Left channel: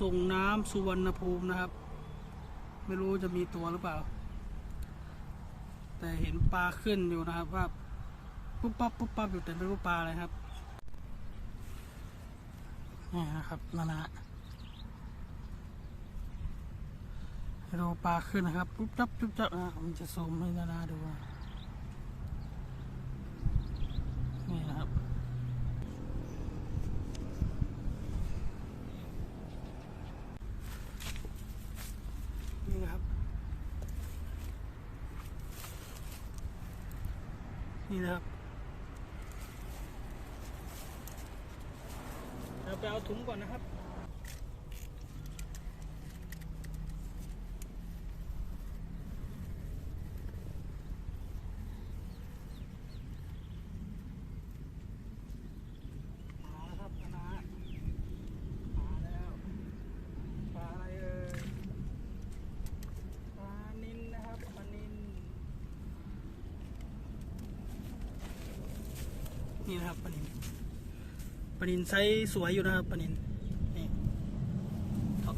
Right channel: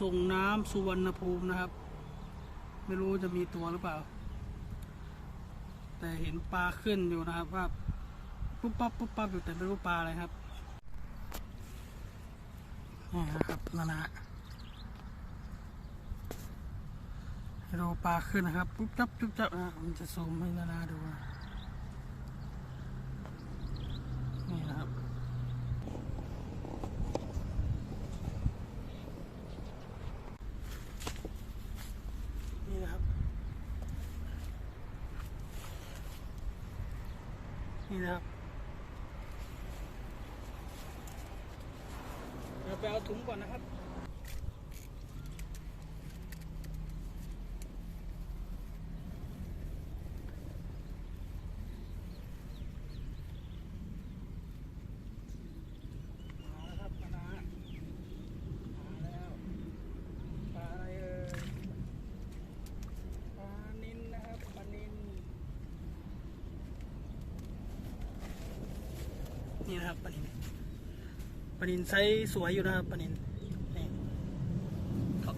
ส่งน้ำสุวรรณภูมินะครับ ไม่รู้จะมีตัวหรือเปล่า แต่เห็นปลาขึ้นอยู่นะครับว่าปุ๊บปั๊บปุ๊บปั๊บอยู่แต่ไม่รู้ปลาอะไรครับนี่นะครับนานาให้ดูปลาขึ้นนะครับปุ๊บจับปุ๊บจับอะผมจะซูมให้นานาดูนะนี่นะครับ นี่นะครับ นี่นะครับเราไปเอาถุงก่อนนะครับ มาแล้วครับมาแล้วมาแล้วปลาอะไรเอ่ย ปลานินนะครับปลานิน นี่นะครับปลานินปลานินไซส์สวยอยู่นะครับปลานินนี่ครับ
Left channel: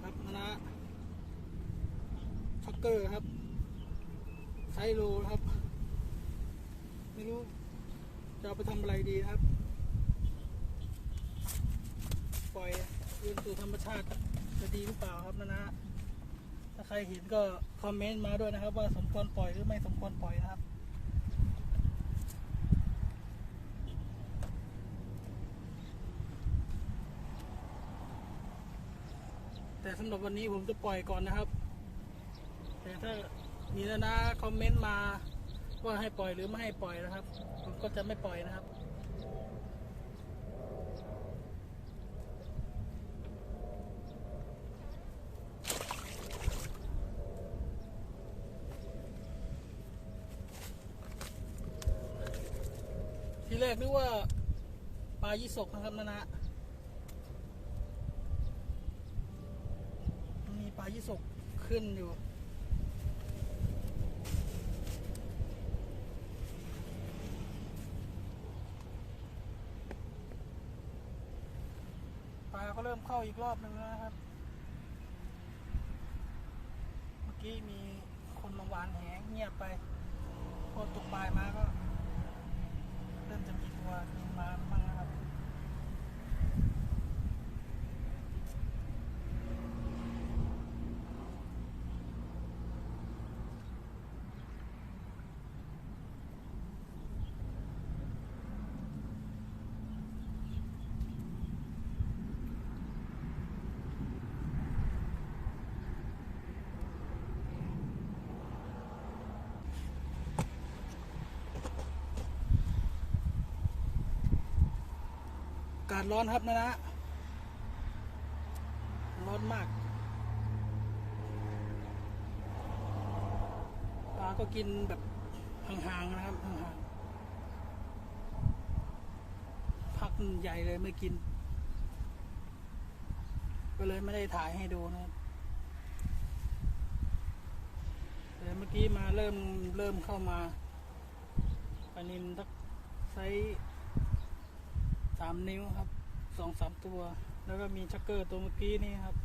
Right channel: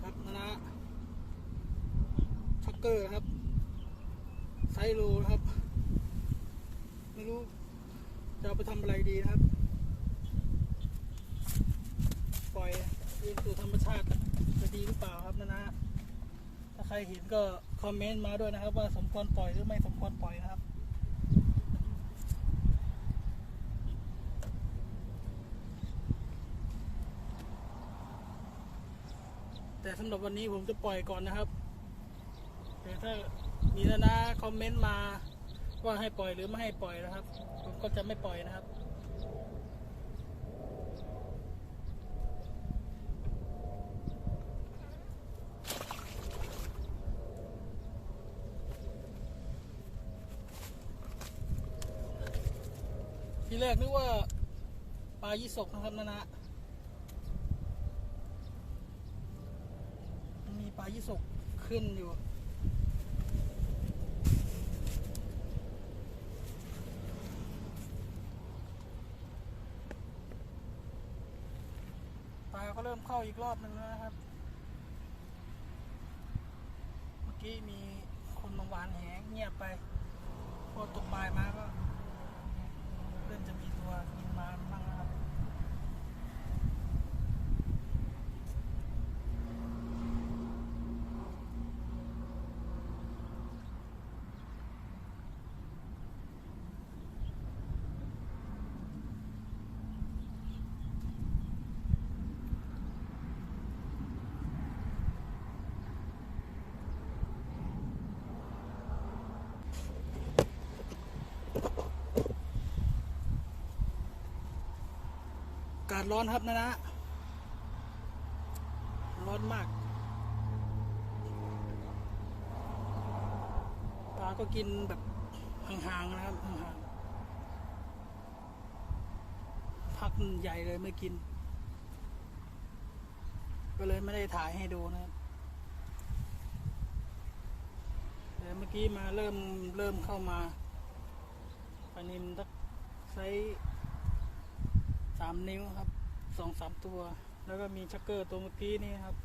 ครับนะนะช็อก เกอร์ครับ ไซโลครับ ไม่รู้ จะไปทำอะไรดีครับ ปล่อยคืนสู่ธรรมชาติจะดีหรือเปล่าครับนะนะถ้าใครเห็นก็คอมเมนต์มาด้วยนะครับ ว่าสมควรปล่อยหรือไม่สมควรปล่อยนะครับแต่สำหรับวันนี้ผมจะปล่อยก่อนนะครับ แต่ถ้ามีนะนะคอมเมนต์มาว่าให้ปล่อยหรือไม่ให้ปล่อยนะครับ ผมก็จะไม่ปล่อยนะครับ ทีแรกนึกว่าปลายี่สกนะครับนะนะมีปลายี่สกขึ้นอยู่าก็เริ่มเข้าอีกรอบหนึ่งแล้วนะครับ เมื่อกี้มีคนมาหวานแหเงียบไป พอตกบ่ายมาก็ เริ่มจะมีตัวกินมาบ้างากาศร้อนครับนะนะ ร้อนมาก ปลาก็กินแบบห่างๆนะครับห่างๆพักใหญ่เลยไม่กิน ก็เลยไม่ได้ถ่ายให้ดูนะครับแต่เมื่อกี้มาเริ่มเริ่มเข้ามาปลานินทักไซส์ สามนิ้วครับสองสามตัว แล้วก็มีชักเกอร์ตัวเมื่อกี้นี่ครับ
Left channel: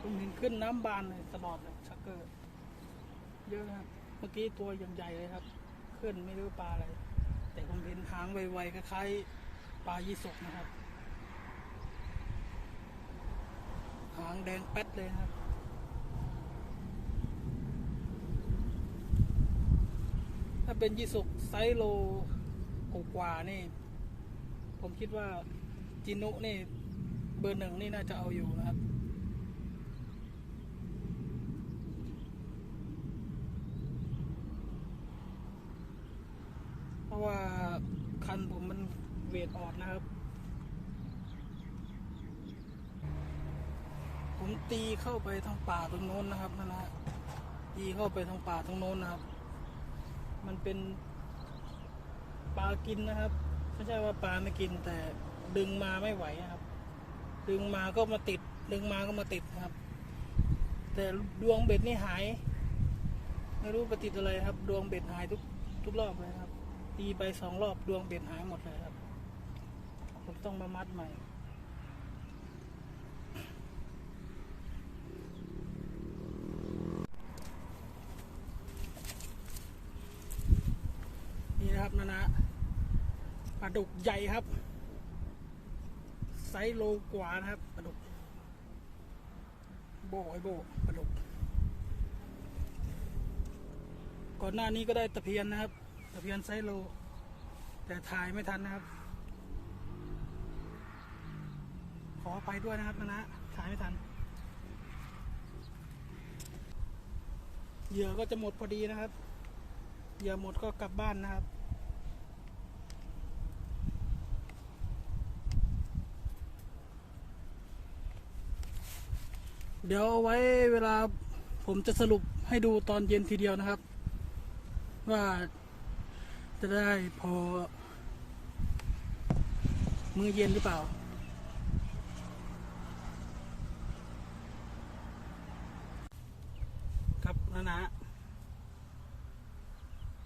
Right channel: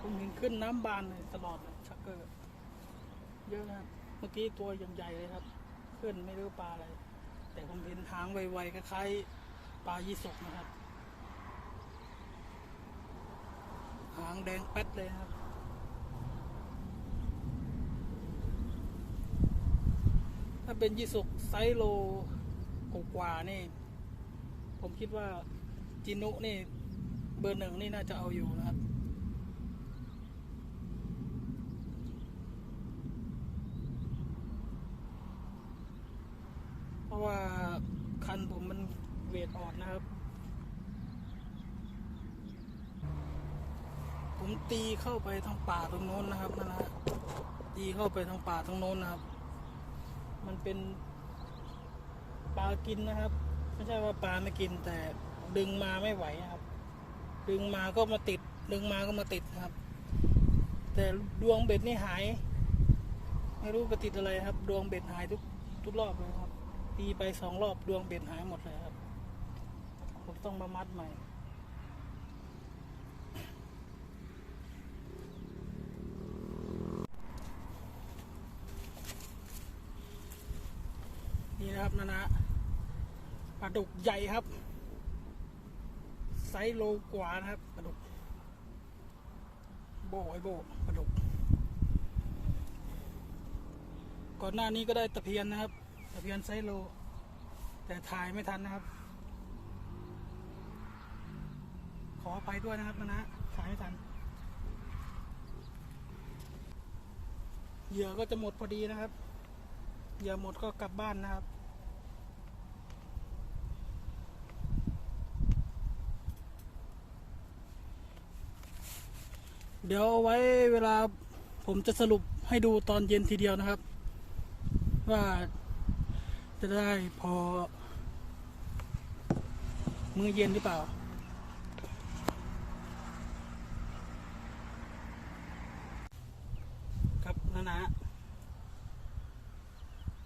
ผมเห็นขึ้นน้ำบานเลยตลอดเลยชักเกอร์เยอะครับ เมื่อกี้ตัวยังใหญ่เลยครับ ขึ้นไม่รู้ปลาอะไร แต่ผมเห็นหางไวๆคล้ายๆปลายี่สกนะครับ หางแดงแป๊ดเลยครับาเป็นยี่สุกไซโลกกว่านี่ ผมคิดว่าจินุนี่ เบอร์หนึ่งนี่น่าจะเอาอยู่นะครับเพราะว่าคันผมมันเวทอ่อนนะครับ ผมตีเข้าไปทางป่าตรงโน้นนะครับนะนะตีเข้าไปทางป่าตรงโน้นนะครับ มันเป็นปลากินนะครับ ไม่ใช่ว่าปลาไม่กินแต่ดึงมาไม่ไหวนะครับ ดึงมาก็มาติด ดึงมาก็มาติดครับ แต่ดวงเบ็ดนี่หาย ไม่รู้ไปติดอะไรครับ ดวงเบ็ดหายทุกทุกรอบเลยครับตีไปสองรอบดวงเบ็ดหายหมดเลยครับ ผมต้องมามัดใหม่ นะครับนะนะปลาดุกใหญ่ครับ ไซส์โลกว่านะครับปลาดุก โบไอโบปลาดุก ก่อนหน้านี้ก็ได้ตะเพียนนะครับ ตะเพียนไซส์โล แต่ถ่ายไม่ทันนะครับ ขออภัยด้วยนะครับนะนะถ่ายไม่ทันเหยื่อก็จะหมดพอดีนะครับ เหยื่อหมดก็กลับบ้านนะครับ เดี๋ยวเอาไว้เวลาผมจะสรุปให้ดูตอนเย็นทีเดียวนะครับ ว่าจะได้พอ มือเย็นหรือเปล่า ครับนะนะ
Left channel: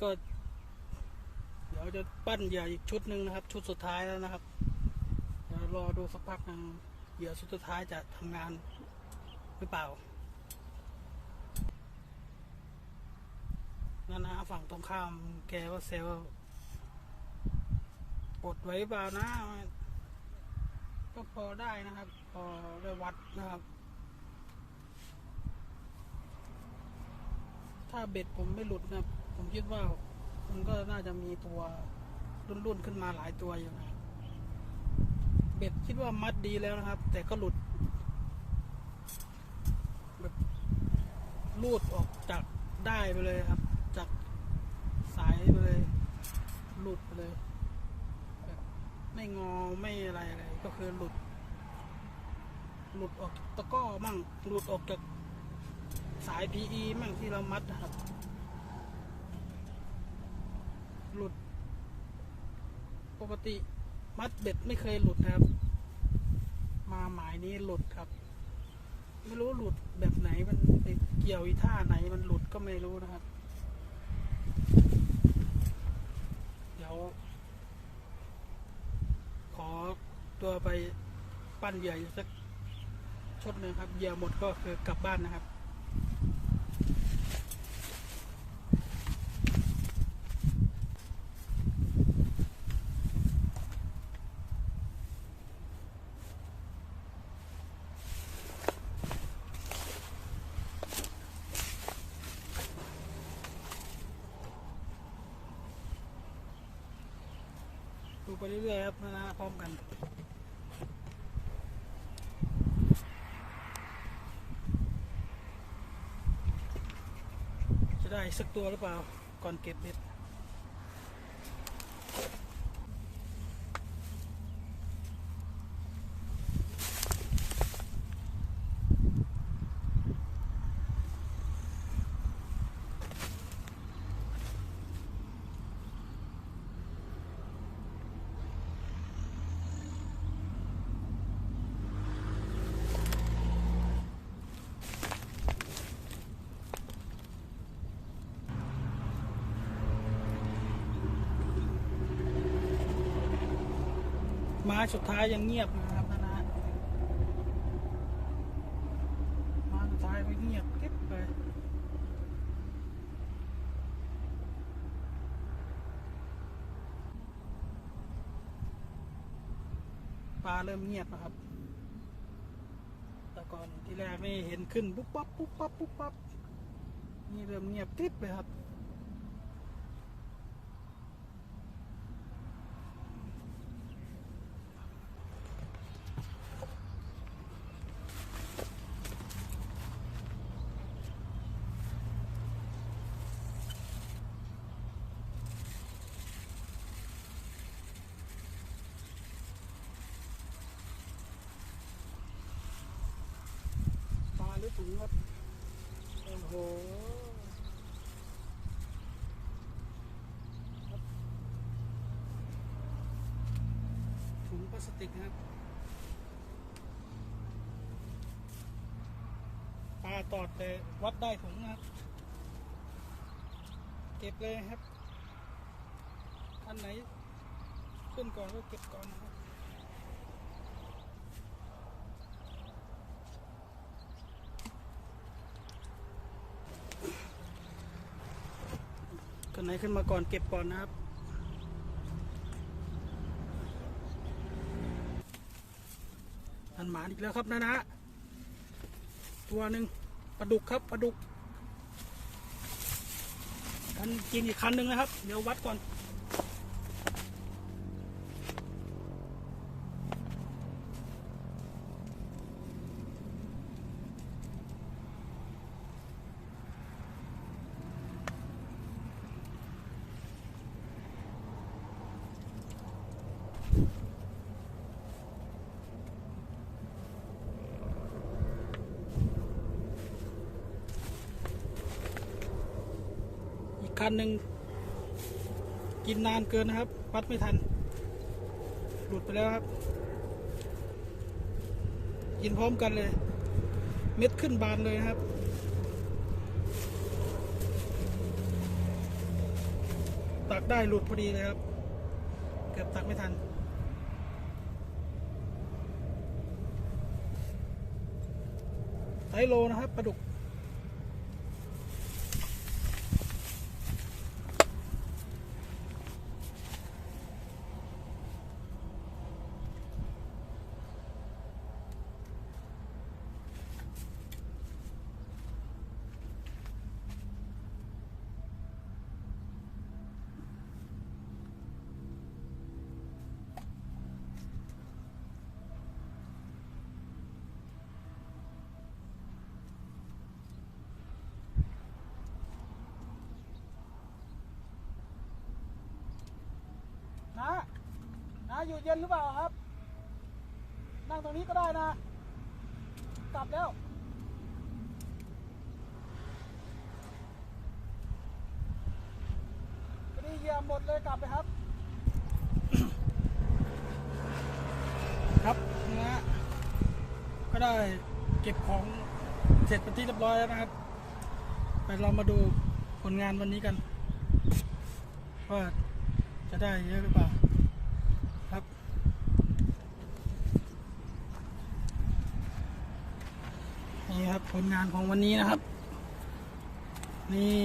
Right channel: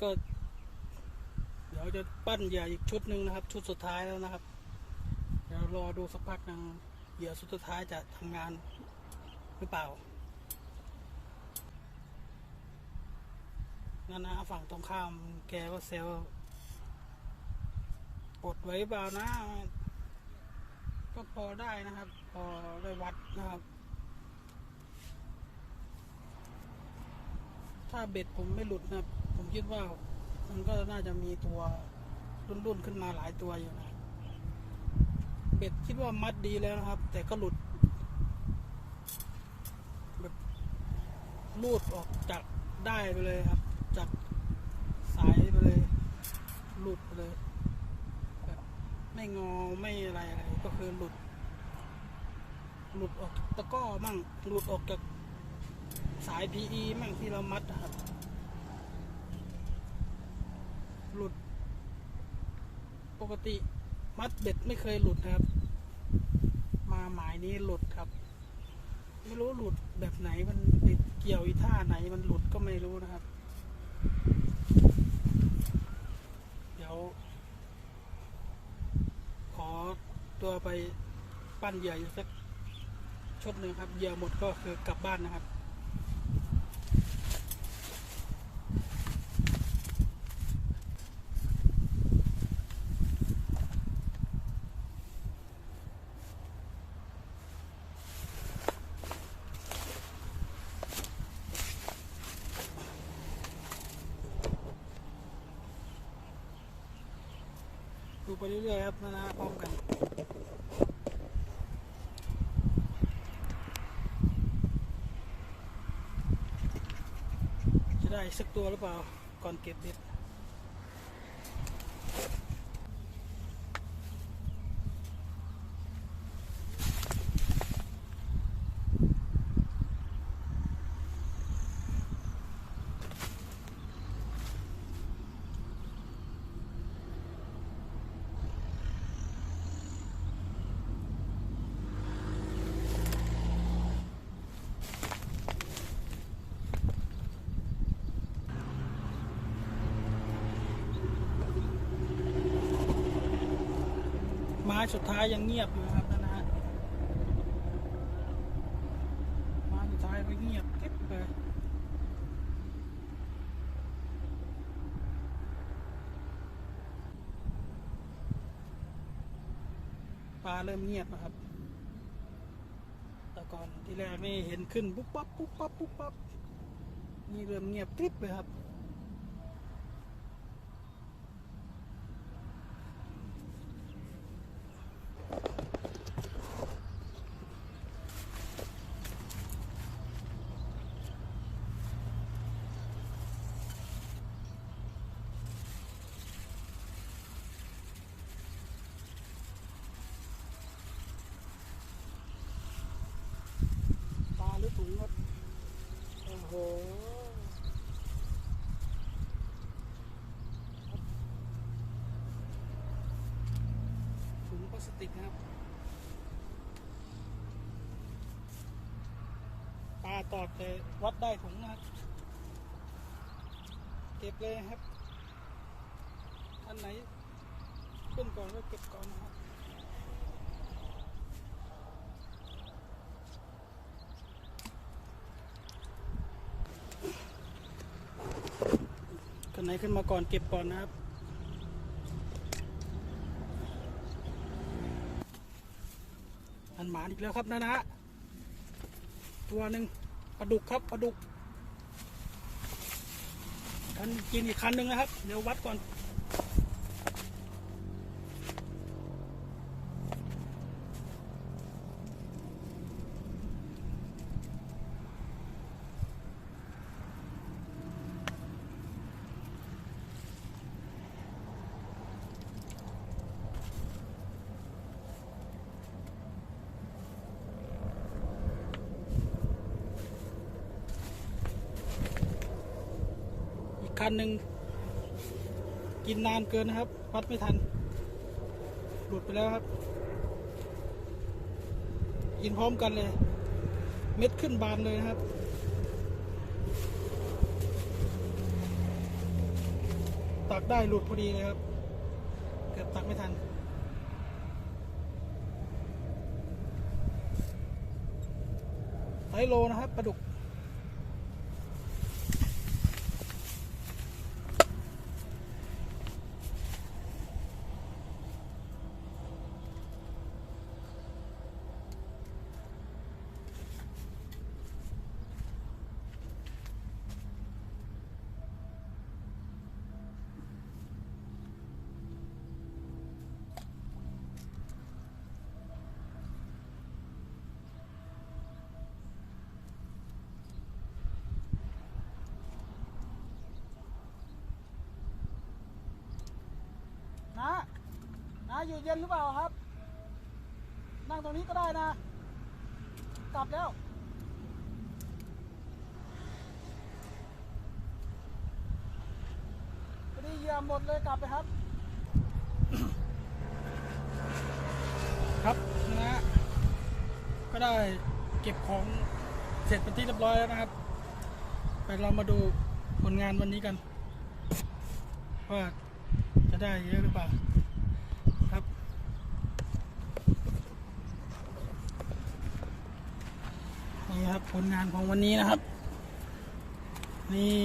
ก็ เดี๋ยวจะปั้นเหยื่ออีกชุดหนึ่งนะครับ ชุดสุดท้ายแล้วนะครับ เดี๋ยวรอดูสักพักนึงเหยื่อชุดสุดท้ายจะทำงาน หรือเปล่านั่นนะฝั่งตรงข้ามแกว่าเซลปลดไว้เปล่านะ ก็พอได้นะครับ พอได้วัดนะครับ ถ้าเบ็ดผมไม่หลุดนะผมคิดว่า มันก็น่าจะมีตัวรุ่นๆขึ้นมาหลายตัวอยู่นะ เบ็ดคิดว่ามัดดีแล้วนะครับ แต่ก็หลุด แบบ ลูดออกจากได้ไปเลยครับ จากสายไปเลย หลุดไปเลยแบบไม่งอไม่อะไรอะไรก็คือหลุด หลุดออกจากตะก้อมั่งหลุดออกจากสาย PE มั่งที่เรามัดนะครับ หลุด ปกติมัดเบ็ดไม่เคยหลุดนะครับ มาหมายนี้หลุดครับ ไม่รู้หลุดแบบไหนมันไปเกี่ยวอีท่าไหนมันหลุดก็ไม่รู้นะครับ เดี๋ยว ขอตัวไปปั้นเหยื่อสักชุดหนึ่งครับเหยื่อหมดก็คือกลับบ้านนะครับ ไปเรื่อยๆครับนะนะพร้อมกันจะได้สักตัวหรือเปล่าก่อนเก็บเบ็ด ม้สุดท้ายยังเงียบอยู่นะครับนะนะไม้สุดท้ายก็เงียบเก็บไปปลาเริ่มเงียบนะครับ แต่ก่อนที่แรกนี่เห็นขึ้นปุ๊บปั๊บปุ๊บปั๊บปุ๊บปั๊บนี่เริ่มเงียบกริบเลยครับ ถุงครับโอ้โหถุงพลาสติกครับ ตาตอดเลยวัดได้ถุงนะครับ เก็บเลยครับ อันไหนขึ้นก่อนก็เก็บก่อนนะครับ ไหนขึ้นมาก่อนเก็บก่อนนะครับ อันหมานอีกแล้วครับนะนะ ตัวหนึ่งปลาดุกครับปลาดุกคันกินอีกคันหนึ่งนะครับ เดี๋ยววัดก่อน คันหนึ่งกินนานเกินนะครับ วัดไม่ทัน หลุดไปแล้วครับ กินพร้อมกันเลย เม็ดขึ้นบานเลยครับตักได้หลุดพอดีเลยครับ เกือบตักไม่ทันไซโลนะครับปลาดุก นะนะอยู่เย็นหรือเปล่าครับ นั่งตรงนี้ก็ได้นะ กลับแล้วพอดีเยียบหมดเลยกลับไปครับ ครับนะฮะก็ได้เก็บของเสร็จเป็นที่เรียบร้อยแล้วนะครับ ไปเรามาดูผลงานวันนี้กัน ว่าจะได้เยอะหรือเปล่า ครับ นี่ ครับผลงานของวันนี้นะครับ นี่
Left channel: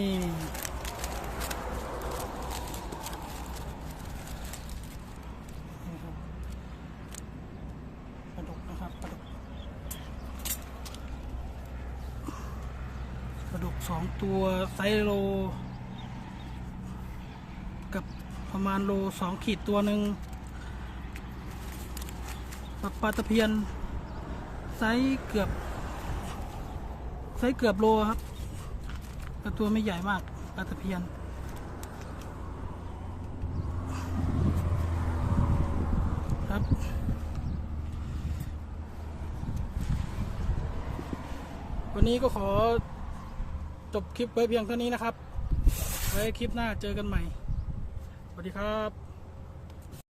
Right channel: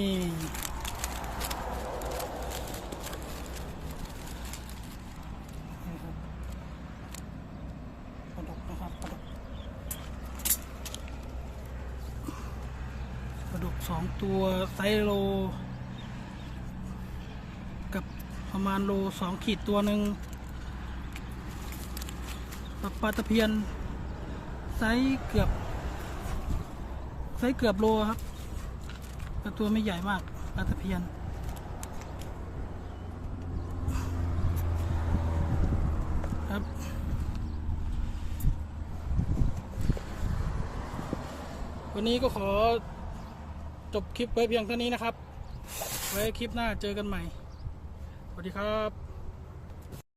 นี่ครับปลาดุกนะครับปลาดุกปลาดุกสองตัวไซโล กับประมาณโลสองขีดตัวหนึ่งปลาปลาตะเพียนไซส์เกือบ ไซส์เกือบโลครับแต่ตัวไม่ใหญ่มากปลาตะเพียน ครับวันนี้ก็ขอจบคลิปไว้เพียงเท่านี้นะครับ ไว้คลิปหน้าเจอกันใหม่ สวัสดีครับ